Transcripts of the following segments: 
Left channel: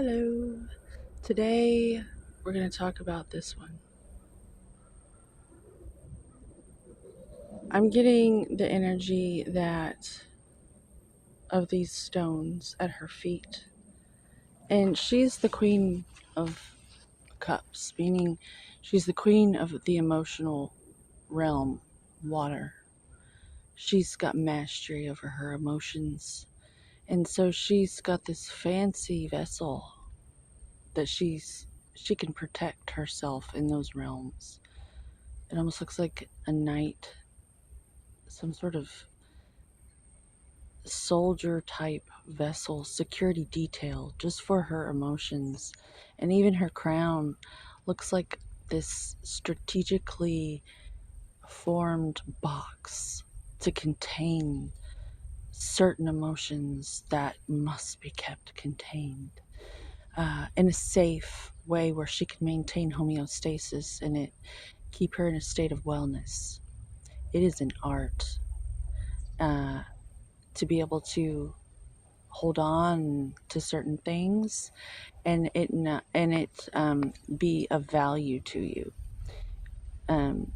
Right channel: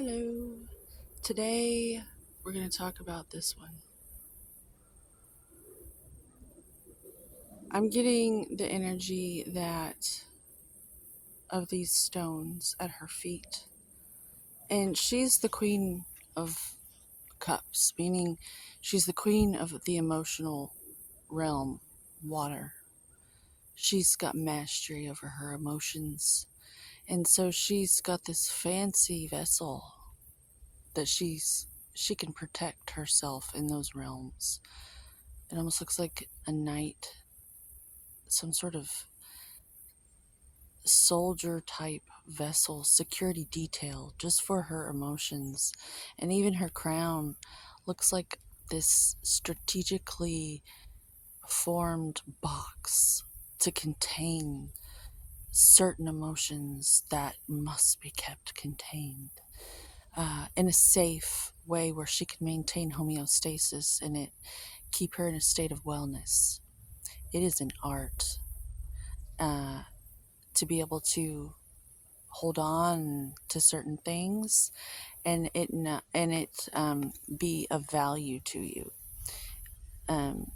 Hello. Today we're going to talk about this one. I'm getting the energy that of these stones at her feet. And she's the queen of cups, meaning she's the queen of the emotional realm, water. She's got mastery over her emotions. And so she's got this fancy vessel that she can protect herself in those realms. It almost looks like a knight, some sort of soldier type vessel, security detail just for her emotions. And even her crown looks like this strategically formed box to contain certain emotions that must be kept contained in a safe way where she can maintain homeostasis and it keep her in a state of wellness. It is an art to be able to hold on to certain things and it be of value to you. And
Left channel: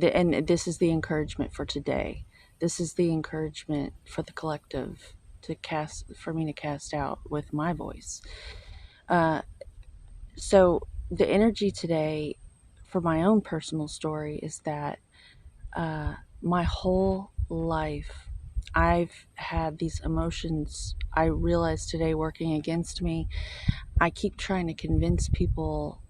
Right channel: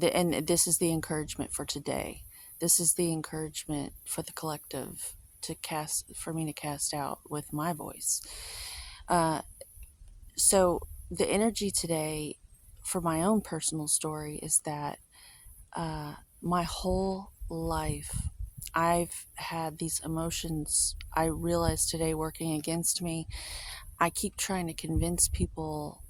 this is the encouragement for today. This is the encouragement for the collective for me to cast out with my voice. So the energy today for my own personal story is that my whole life I've had these emotions I realize today working against me. I keep trying to convince people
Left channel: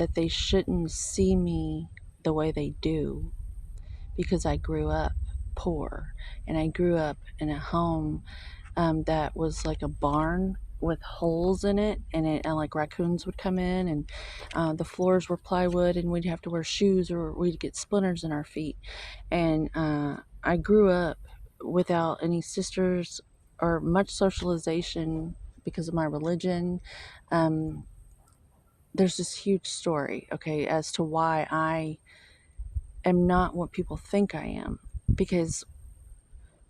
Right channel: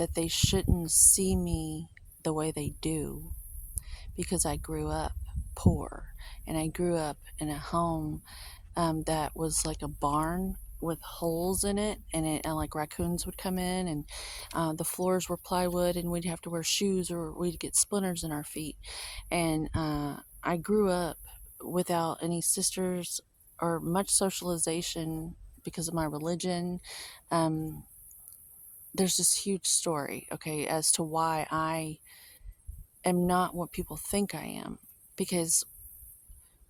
that they shouldn't see me the way they do because I grew up poor and I grew up in a home that was like a barn with holes in it, and like raccoons would come in, and the floors were plywood, and we'd have to wear shoes or we'd get splinters in our feet. And I grew up without any sisters or much socialization because of my religion. There's this huge story, okay, as to why I am not what people think I am. Because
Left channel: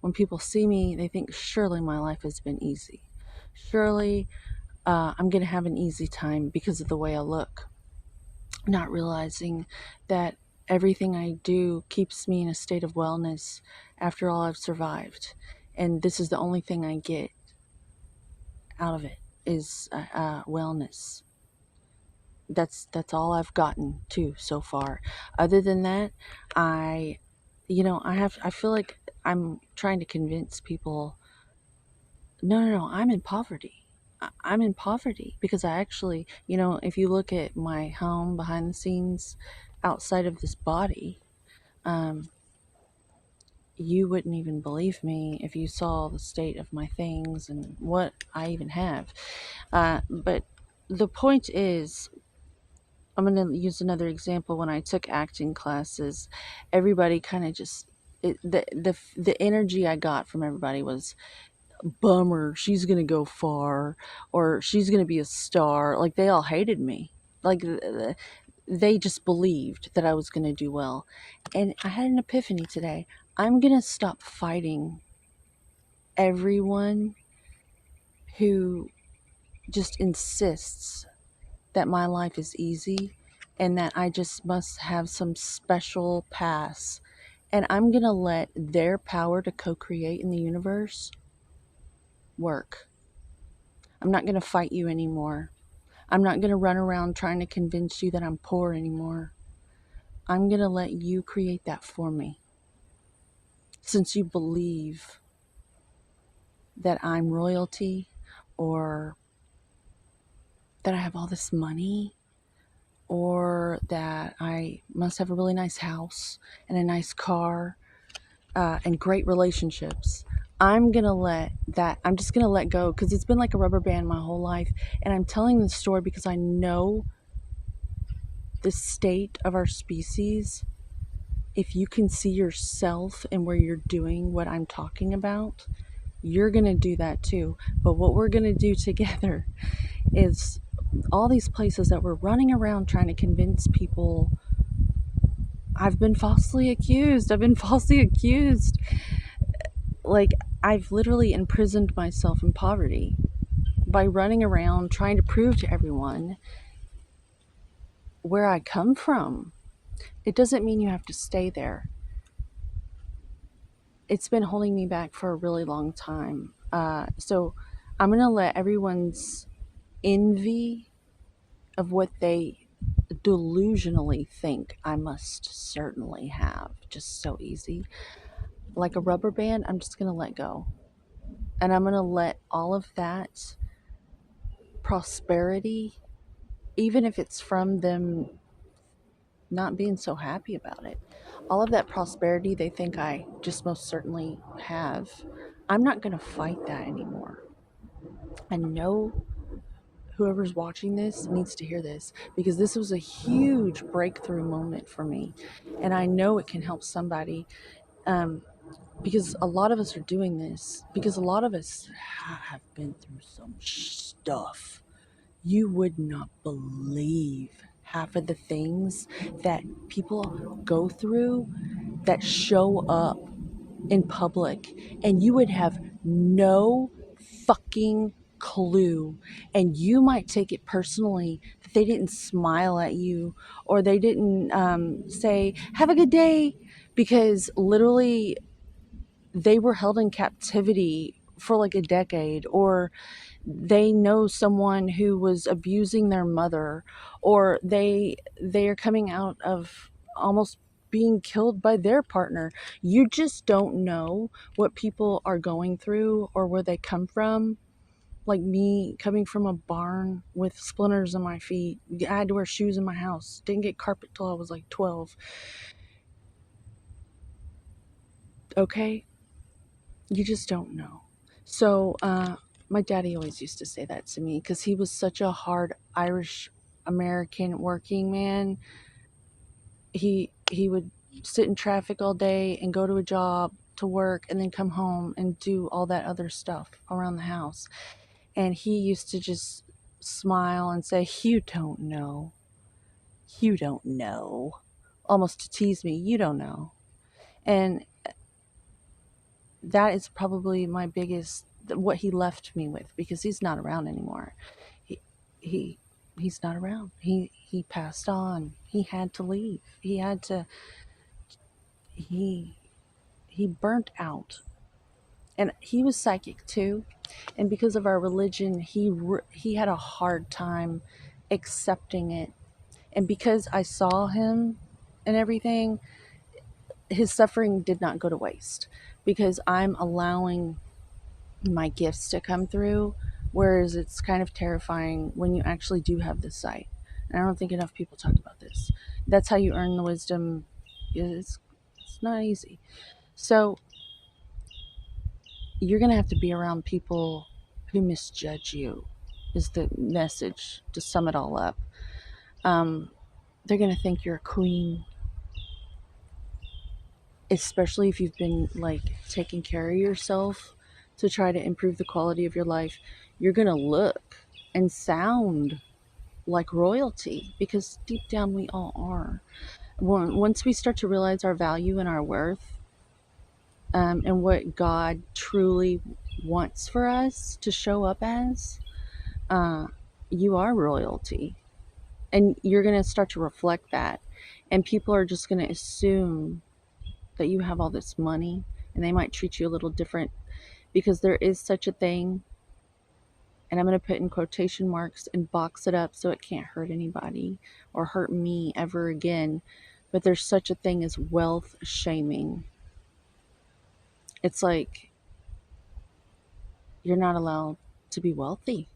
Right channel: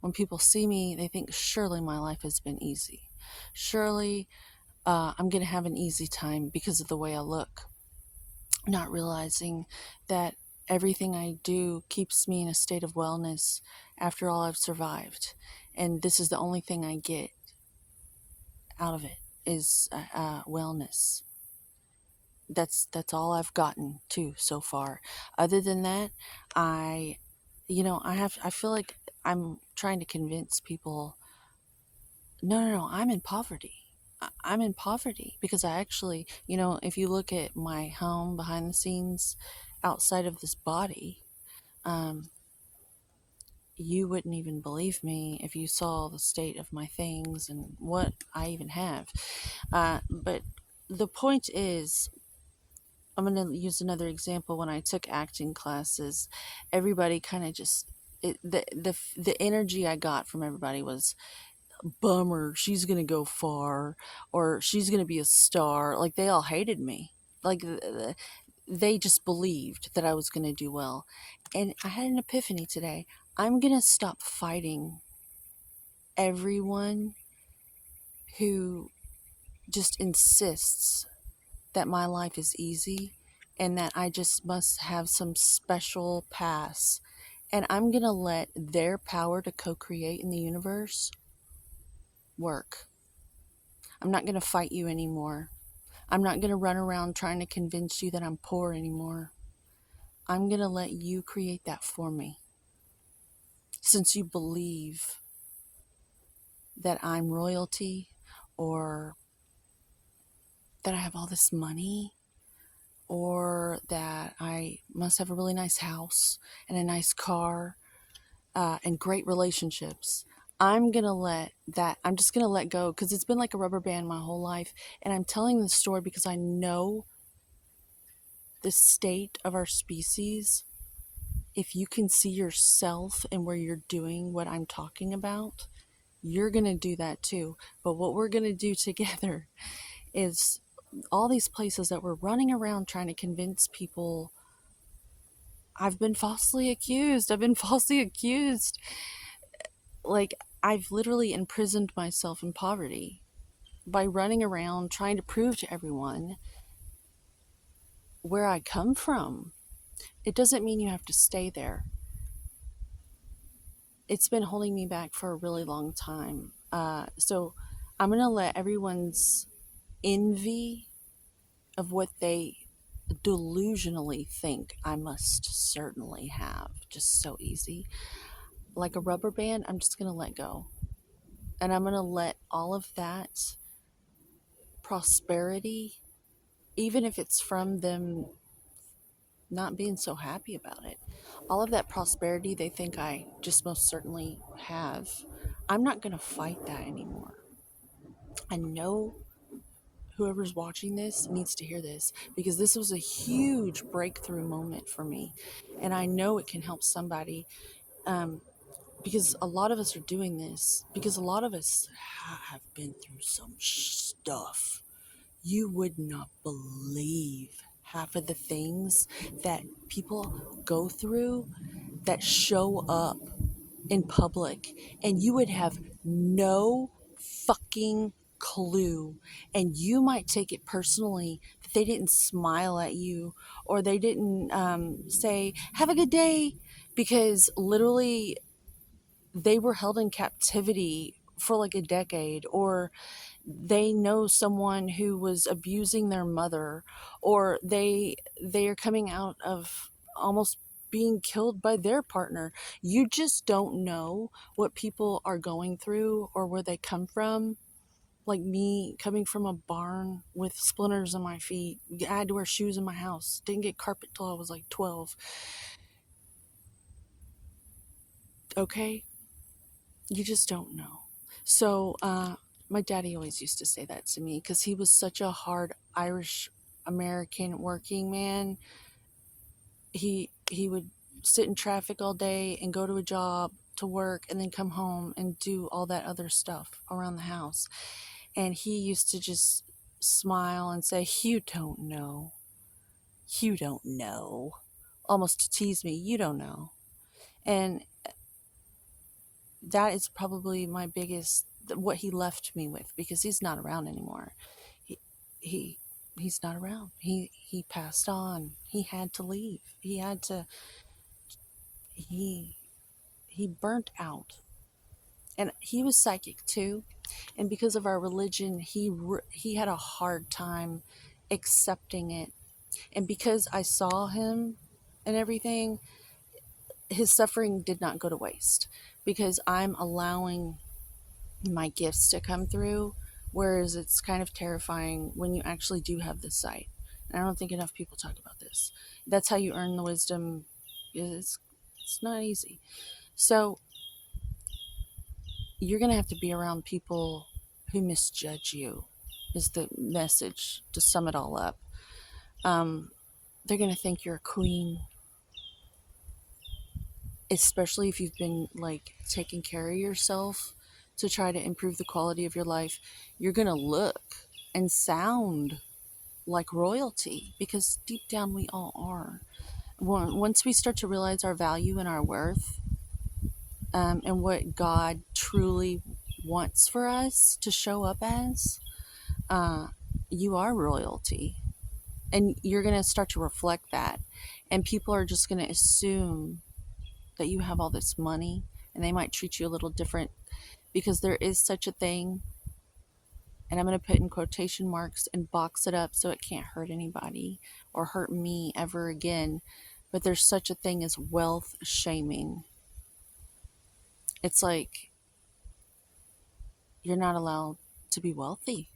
when people see me, they think surely my life has been easy. Surely I'm going to have an easy time because of the way I look. Not realizing that everything I do keeps me in a state of wellness after all I've survived. And this is the only thing I get out of it is wellness. That's all I've gotten to so far. Other than that, I feel like I'm trying to convince people, no, I'm in poverty. I'm in poverty because I actually, if you look at my home behind the scenes outside of this body, you wouldn't even believe me if you saw the state of my things and what I even have. But the point is, I'm going to use another example. When I took acting classes, everybody kind of just, the energy I got from everybody was, bummer, she's gonna go far, or she's gonna be a star. Like, they all hated me. Like, they just believed that I was gonna do well. And I had an epiphany today. I'm gonna stop fighting everyone who just insists that my life is easy and that I just must have some special pass. And I'm gonna let their power to co-create in the universe work. I'm not going to fight you anymore. I'm not going to run around trying to convince you that I'm poor anymore. I'm going to let you create that for me. Since you believe that I'm royalty, or that I have all this money, or that I must have a really nice house and a nice car and great relationships, I'm just going to let go, because it's been like a rubber band my whole life. And I'm telling this story because I know the state of our species. If you can see yourself and where you're doing what I'm talking about, you're going to do that too. But what we're going to do together is all these places that we're running around trying to convince people. I've been falsely accused. Like, I've literally imprisoned myself in poverty by running around trying to prove to everyone where I come from. It doesn't mean you have to stay there. It's been holding me back for a really long time. So I'm going to let everyone's envy of what they delusionally think I must certainly have just so easy. Like a rubber band, I'm just going to let go. And I'm going to let all of that prosperity, even if it's from them not being so happy about it, all of that prosperity they think I just most certainly have, I'm not going to fight that anymore. I know whoever's watching this needs to hear this because this was a huge breakthrough moment for me. And I know it can help somebody, because a lot of us are doing this, because a lot of us have been through some stuff. You would not believe half of the things that people go through that show up in public, and you would have no fucking clue. And you might take it personally that they didn't smile at you or they didn't say, "Have a good day," because literally they were held in captivity for like a decade, or they know someone who was abusing their mother, or they are coming out of almost being killed by their partner. You just don't know what people are going through or where they come from. Like me coming from a barn with splinters on my feet. I had to wear shoes in my house. Didn't get carpet till I was like 12. Okay? You just don't know. So, my daddy always used to say that to me because he was such a hard Irish American working man. He would sit in traffic all day and go to a job to work and then come home and do all that other stuff around the house. And he used to just smile and say, "You don't know. You don't know." Almost to tease me, "You don't know." And that is probably my biggest, what he left me with, because he's not around anymore. He he he's not around. He passed on. He had to leave. He he burnt out. And he was psychic too. And because of our religion, he had a hard time accepting it. And because I saw him and everything, his suffering did not go to waste, because I'm allowing my gifts to come through, whereas it's kind of terrifying when you actually do have this sight. And I don't think enough people talk about this. That's how you earn the wisdom. It's not easy. So you're going to have to be around people who misjudge you, is the message to sum it all up. They're going to think you're a queen, especially if you've been like taking care of yourself to try to improve the quality of your life. You're going to look and sound like royalty, because deep down we all are. Once we start to realize our value and our worth, and what God truly wants for us to show up as, you are royalty. And you're going to start to reflect that. And people are just going to assume that you have all this money, and they might treat you a little different, because there is such a thing, and I'm going to put in quotation marks and box it up so it can't hurt anybody or hurt me ever again. But there's such a thing as wealth shaming. It's like you're not allowed to be wealthy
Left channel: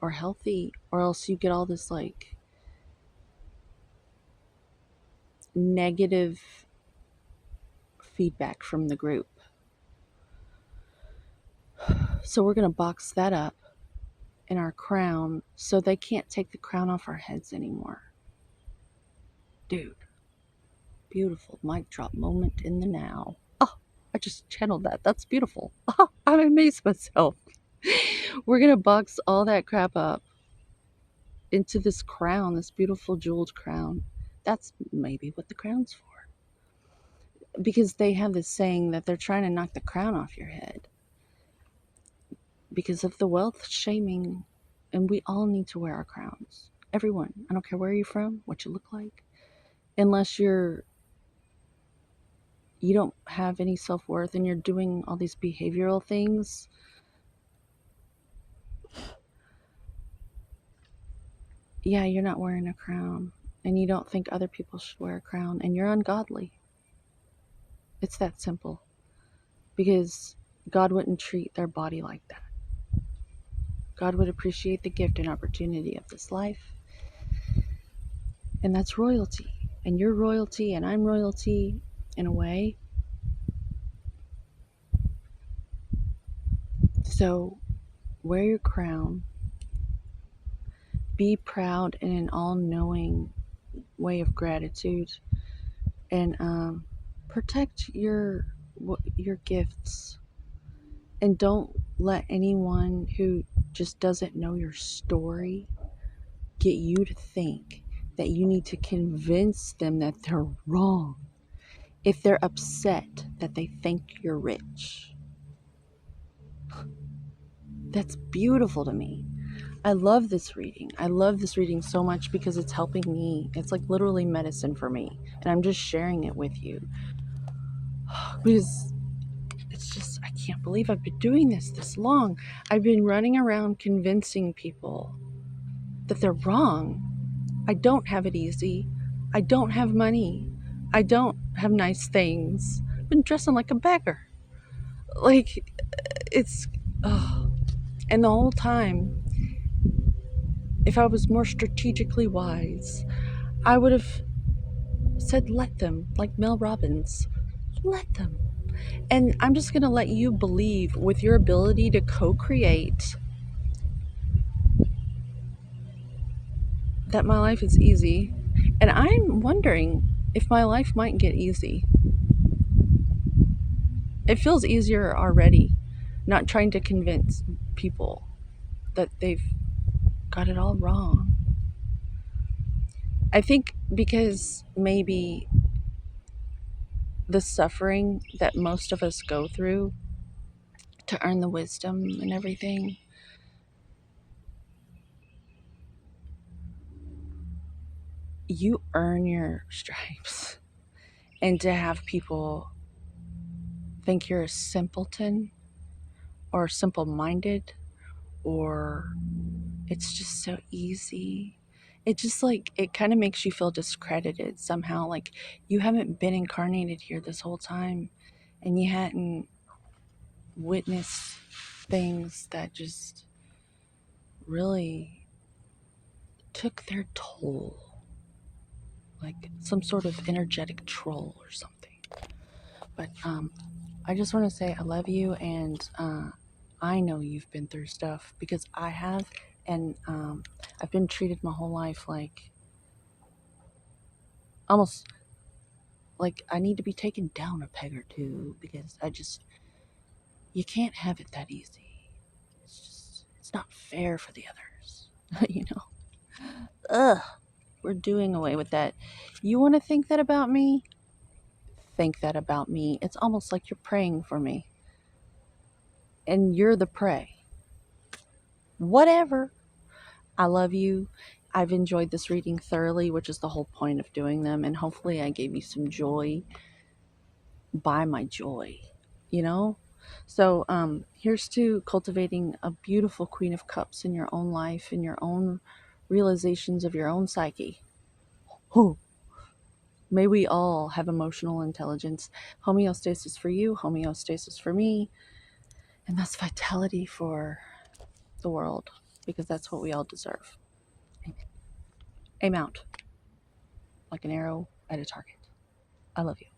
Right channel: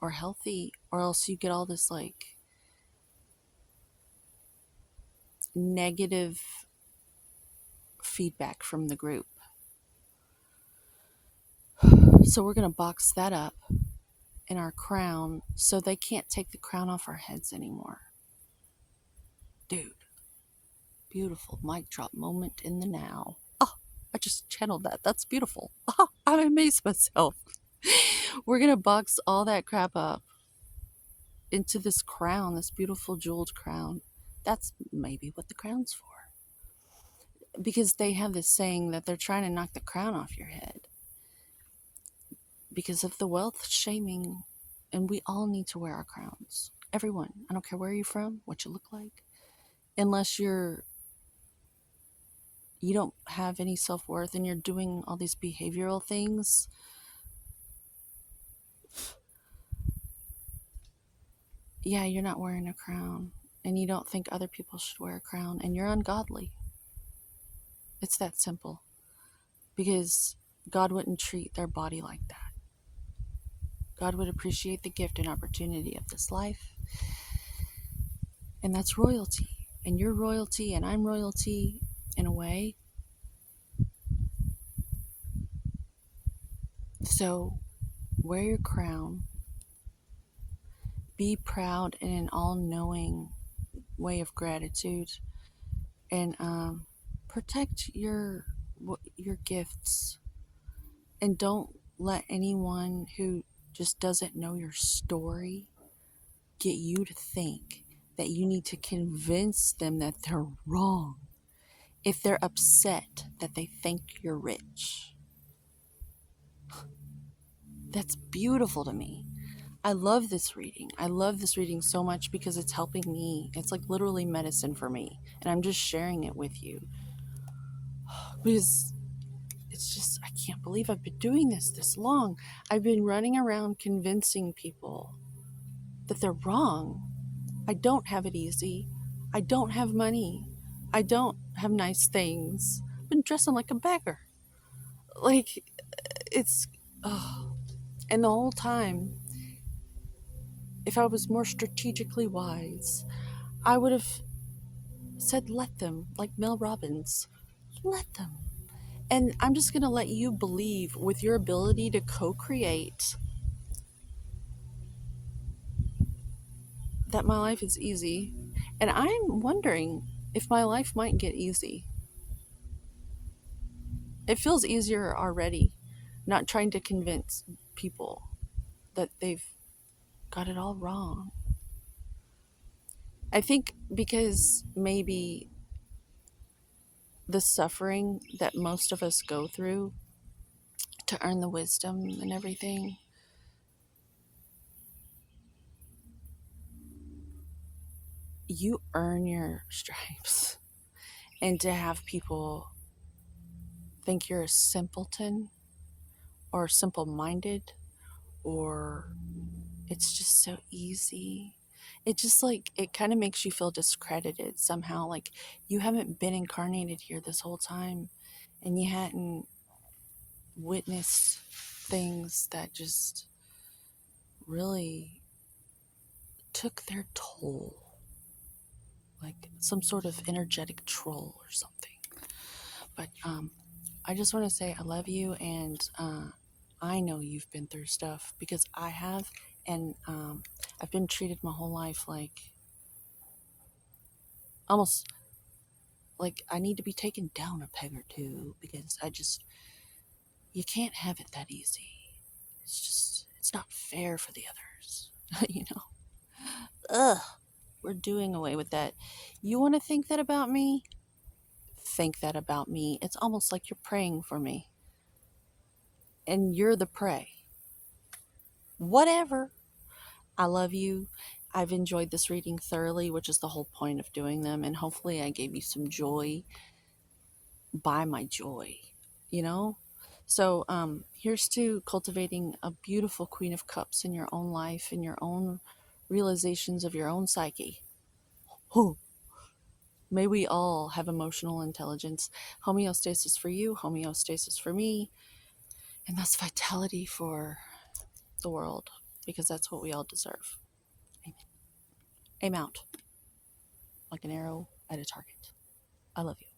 or healthy, or else you get all this like negative feedback from the group. So we're going to box that up in our crown so they can't take the crown off our heads anymore. Dude, beautiful mic drop moment in the now. Oh, I just channeled that. That's beautiful. Oh, I'm amazed myself. We're going to box all that crap up into this crown, this beautiful jeweled crown. That's maybe what the crown's for. Because they have this saying that they're trying to knock the crown off your head. because of the wealth shaming, and we all need to wear our crowns. Everyone. I don't care where you're from, what you look like. Unless you don't have any self-worth and you're doing all these behavioral things, yeah, you're not wearing a crown, and you don't think other people should wear a crown, and you're ungodly. It's that simple. Because God wouldn't treat their body like that. God would appreciate the gift and opportunity of this life. And that's royalty. And you're royalty, and I'm royalty in a way. So wear your crown. Be proud in an all-knowing way of gratitude. And protect your gifts. And don't let anyone who just doesn't know your story get you to think that you need to convince them that they're wrong if they're upset that they think you're rich. That's beautiful to me. I love this reading. I love this reading so much because it's helping me. It's like literally medicine for me. And I'm just sharing it with you. Because it's just, I can't believe I've been doing this long. I've been running around convincing people that they're wrong. I don't have it easy. I don't have money. I don't have nice things. I've been dressing like a beggar. Like, it's, oh. And the whole time, if I was more strategically wise, I would have said, let them, like Mel Robbins. Let them. And I'm just going to let you believe with your ability to co-create that my life is easy. And I'm wondering if my life might get easy. It feels easier already, not trying to convince people that they've got it all wrong. I think because maybe the suffering that most of us go through to earn the wisdom and everything, you earn your stripes. And to have people think you're a simpleton or simple-minded, or it's just so easy. It just like, it kind of makes you feel discredited somehow. Like you haven't been incarnated here this whole time and you hadn't witnessed things that just really took their toll. Like some sort of energetic troll or something. But I just want to say I love you, and I know you've been through stuff because I have, and I've been treated my whole life like almost like I need to be taken down a peg or two because you can't have it that easy. It's not fair for the others, you know? Ugh, we're doing away with that. You want to think that about me? Think that about me. It's almost like you're praying for me. And you're the prey. Whatever. I love you. I've enjoyed this reading thoroughly, which is the whole point of doing them. And hopefully I gave you some joy by my joy, you know? So here's to cultivating a beautiful Queen of Cups in your own life, in your own realizations of your own psyche. Oh, may we all have emotional intelligence. Homeostasis for you, homeostasis for me, and that's vitality for the world, because that's what we all deserve. Amen. Aim out like an arrow at a target. I love you.